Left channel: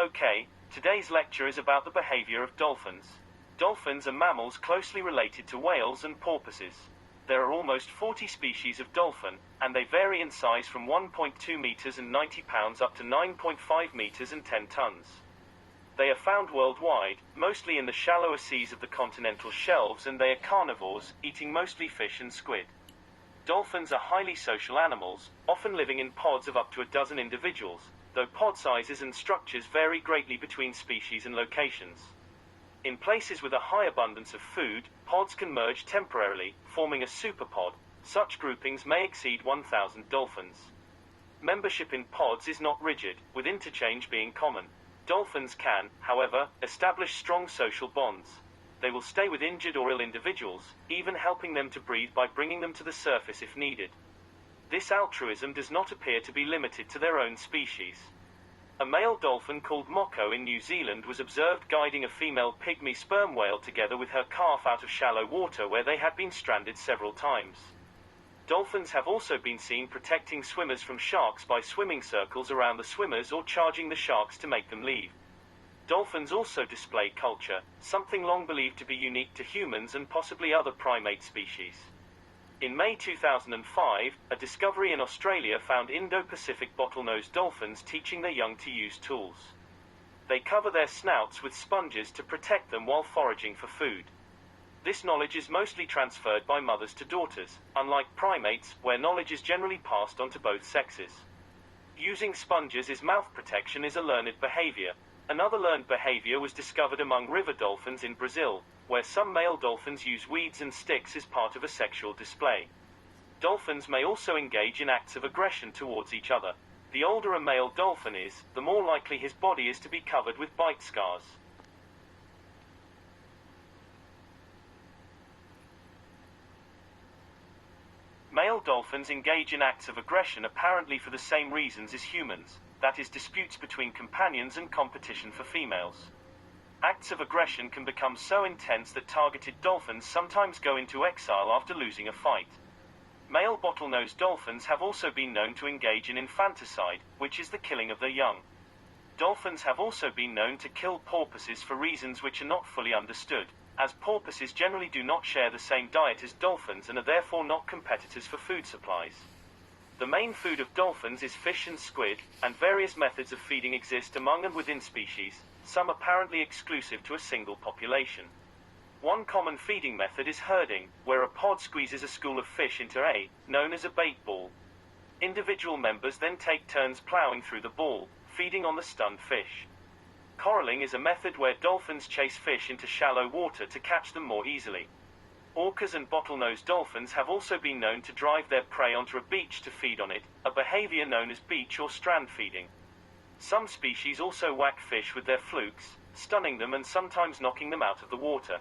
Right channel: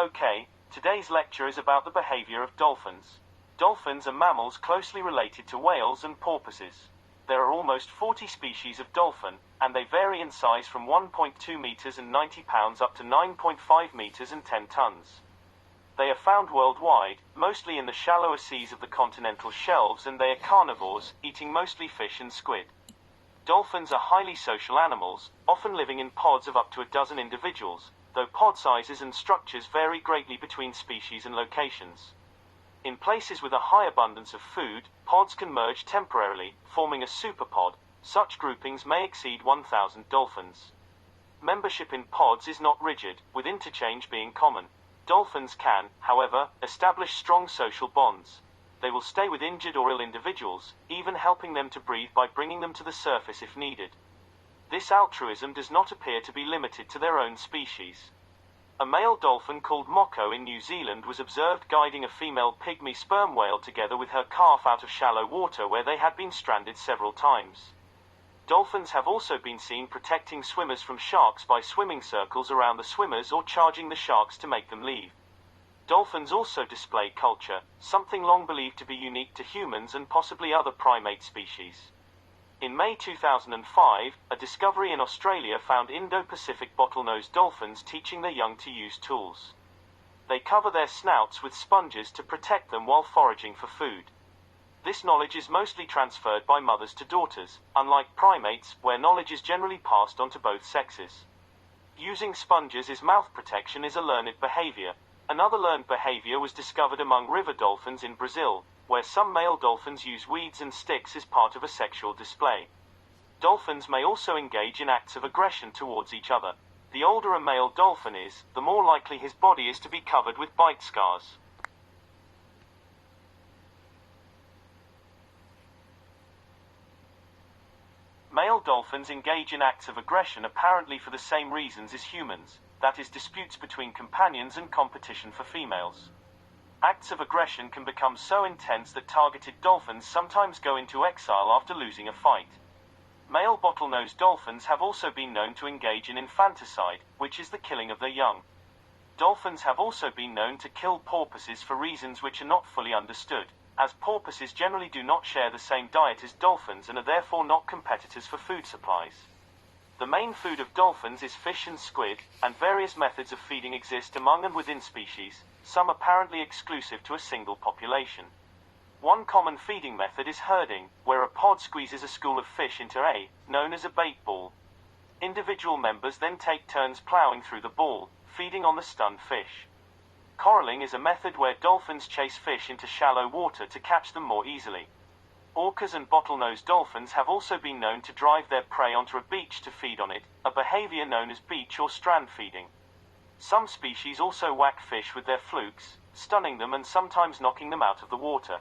Okay, today's lecture is about the behavior of dolphins. Dolphins are mammals closely related to whales and porpoises. There are almost 40 species of dolphin, and they vary in size from 1.2 meters and 90 pounds up to 9.5 meters and 10 tons. They are found worldwide, mostly in the shallower seas of the continental shelves, and they are carnivores, eating mostly fish and squid. Dolphins are highly social animals, often living in pods of up to a dozen individuals, though pod sizes and structures vary greatly between species and locations. In places with a high abundance of food, pods can merge temporarily, forming a superpod. Such groupings may exceed 1,000 dolphins. Membership in pods is not rigid, with interchange being common. Dolphins can, however, establish strong social bonds. They will stay with injured or ill individuals, even helping them to breathe by bringing them to the surface if needed. This altruism does not appear to be limited to their own species. A male dolphin called Moko in New Zealand was observed guiding a female pygmy sperm whale together with her calf out of shallow water where they had been stranded several times. Dolphins have also been seen protecting swimmers from sharks by swimming circles around the swimmers or charging the sharks to make them leave. Dolphins also display culture, something long believed to be unique to humans and possibly other primate species. In May 2005, a discovery in Australia found Indo-Pacific bottlenose dolphins teaching their young to use tools. They cover their snouts with sponges to protect them while foraging for food. This knowledge is mostly transferred by mothers to daughters, unlike primates, where knowledge is generally passed on to both sexes. Using sponges as mouth protection is a learned behavior. Another learned behavior was discovered among river dolphins in Brazil, where some male dolphins use weeds and sticks as part of a sexual display. Dolphins may also engage in acts of aggression towards each other. The older a male dolphin is, the more likely his body is to be covered with bite scars. Male dolphins engage in acts of aggression apparently for the same reasons as humans, that is, disputes between companions and competition for females. Acts of aggression can become so intense that targeted dolphins sometimes go into exile after losing a fight. Male bottlenose dolphins have also been known to engage in infanticide, which is the killing of their young. Dolphins have also been known to kill porpoises for reasons which are not fully understood, as porpoises generally do not share the same diet as dolphins and are therefore not competitors for food supplies. The main food of dolphins is fish and squid, and various methods of feeding exist among and within species, some apparently exclusive to a single population. One common feeding method is herding, where a pod squeezes a school of fish into a, known as a bait ball. Individual members then take turns plowing through the ball, feeding on the stunned fish. Coralling is a method where dolphins chase fish into shallow water to catch them more easily. Orcas and bottlenose dolphins have also been known to drive their prey onto a beach to feed on it, a behavior known as beach or strand feeding. Some species also whack fish with their flukes, stunning them and sometimes knocking them out of the water.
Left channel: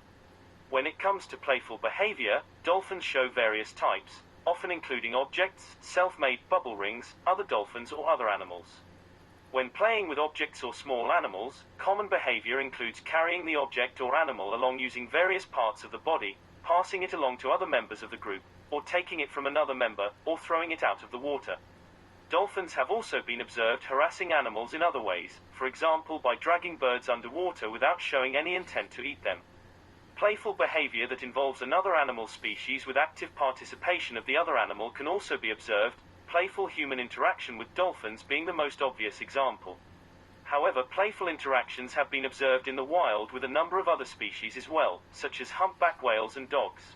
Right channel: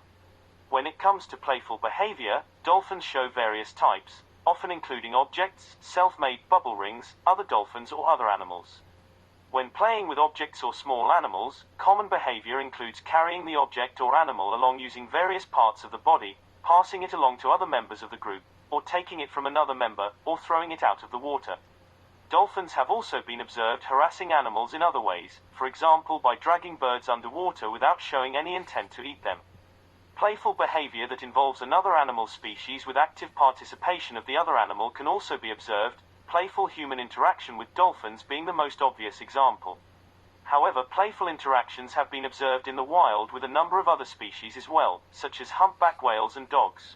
When it comes to playful behavior, dolphins show various types, often including objects, self-made bubble rings, other dolphins or other animals. When playing with objects or small animals, common behavior includes carrying the object or animal along using various parts of the body, passing it along to other members of the group, or taking it from another member, or throwing it out of the water. Dolphins have also been observed harassing animals in other ways, for example by dragging birds underwater without showing any intent to eat them. Playful behavior that involves another animal species with active participation of the other animal can also be observed, playful human interaction with dolphins being the most obvious example. However, playful interactions have been observed in the wild with a number of other species as well, such as humpback whales and dogs.